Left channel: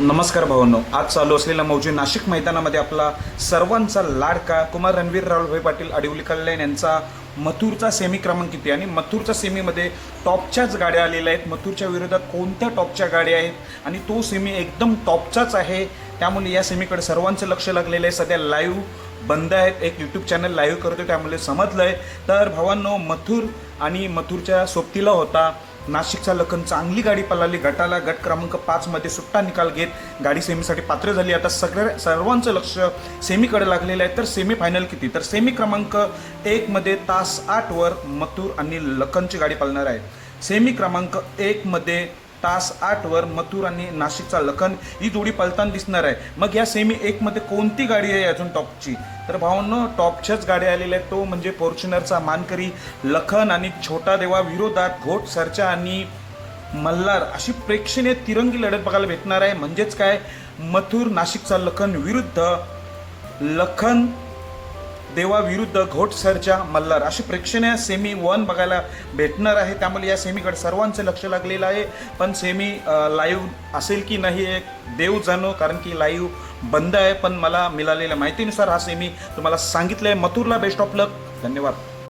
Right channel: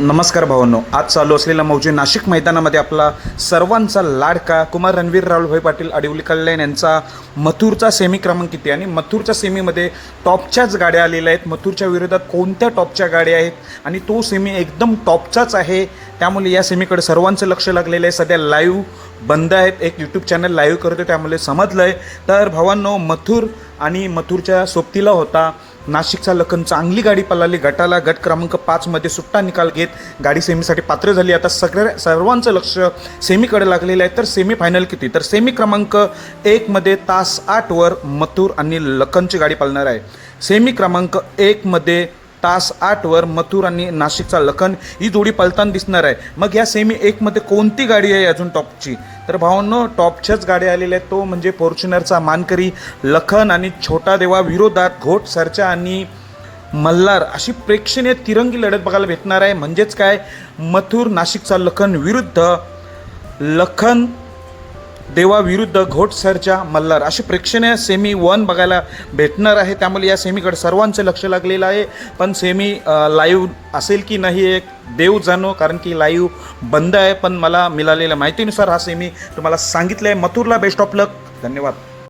नमस्कार भावांनो, आज चालू असलेल्या मौजे नाशिक मैदानामध्ये आपला सर्वांचा लाडका कुमार रणवीर राहुलभाई पाटील आडिवली कल्याण यांचा मथुरचा सेमी क्रमांक किती आणि मथुरच्या सेमीमध्ये टॉपच्याच गाड्या आलेल्या आहेत. मथुरच्या विरोधात कोणत्या टॉपच्या गाड्या आहेत आणि तो सेमी एकदम टॉपचाच आहे. त्यामुळे या सेमीकडे सर्वांचं लक्ष लागलेलं आहे. सध्या लाईव्ह बंद आहेत, एक यूट्यूब चॅनल लाईव्ह करतो त्यामुळे समजलं आहे. तर भावांनो, मथुर आणि मथुरच्या सोबतीला होता नाशिकचा लखन. चांगली गाडी पळाली, गटाला गट क्रमांक 5 मध्ये सुट्टा निकाल घेत गाडी सेमीसाठी पात्र झाली. आता सर्वांचं लक्ष सेमीकडे लागलेलं आहे. तर सेमी फायनल किती, तर सेमी क्रमांक 1 मध्ये तास 8 वर मथुर आणि लखनची गाडी पळणार आहे. सेमी क्रमांक 1 मध्ये तास 8 वर मथुर आणि नाशिकचा लखन ही जोडी पळताना दिसणार आहे. मग या सेमी 1 मध्ये कोणती गाडी आहे अजून टॉपची, तर भावांनो टॉपच्याच गाड्या आलेल्या आहेत. तो म्हणजे फॉर्च्युनरचा मानकरी लखन आणि छोटा देवा विरोधात घोट सरचा आणि मल्हार अशी प्रेक्षणीय तिरंगी लढत बघायला भेटणार आहे. म्हणजेच काय, मथुर नाशिकचा लखन विरुद्ध लखन देवा विरुद्ध घोट सरच्या मल्हार अशी प्रेक्षणीय सेमी 1 बघायला भेटणार आहे. त्यामुळे या सेमीकडे सर्वांचं लक्ष लागलेलं आहे. पण सेमी लाईव्ह असेल की नाही एक देव जाणो, कारण की लाईव्ह बंद आहे. पण मला मिळालेल्या माहितीनुसार हा सेमी तुम्हाला सांगितलं आहे. मथुरला बेस्ट ऑफ लक. धन्यवाद.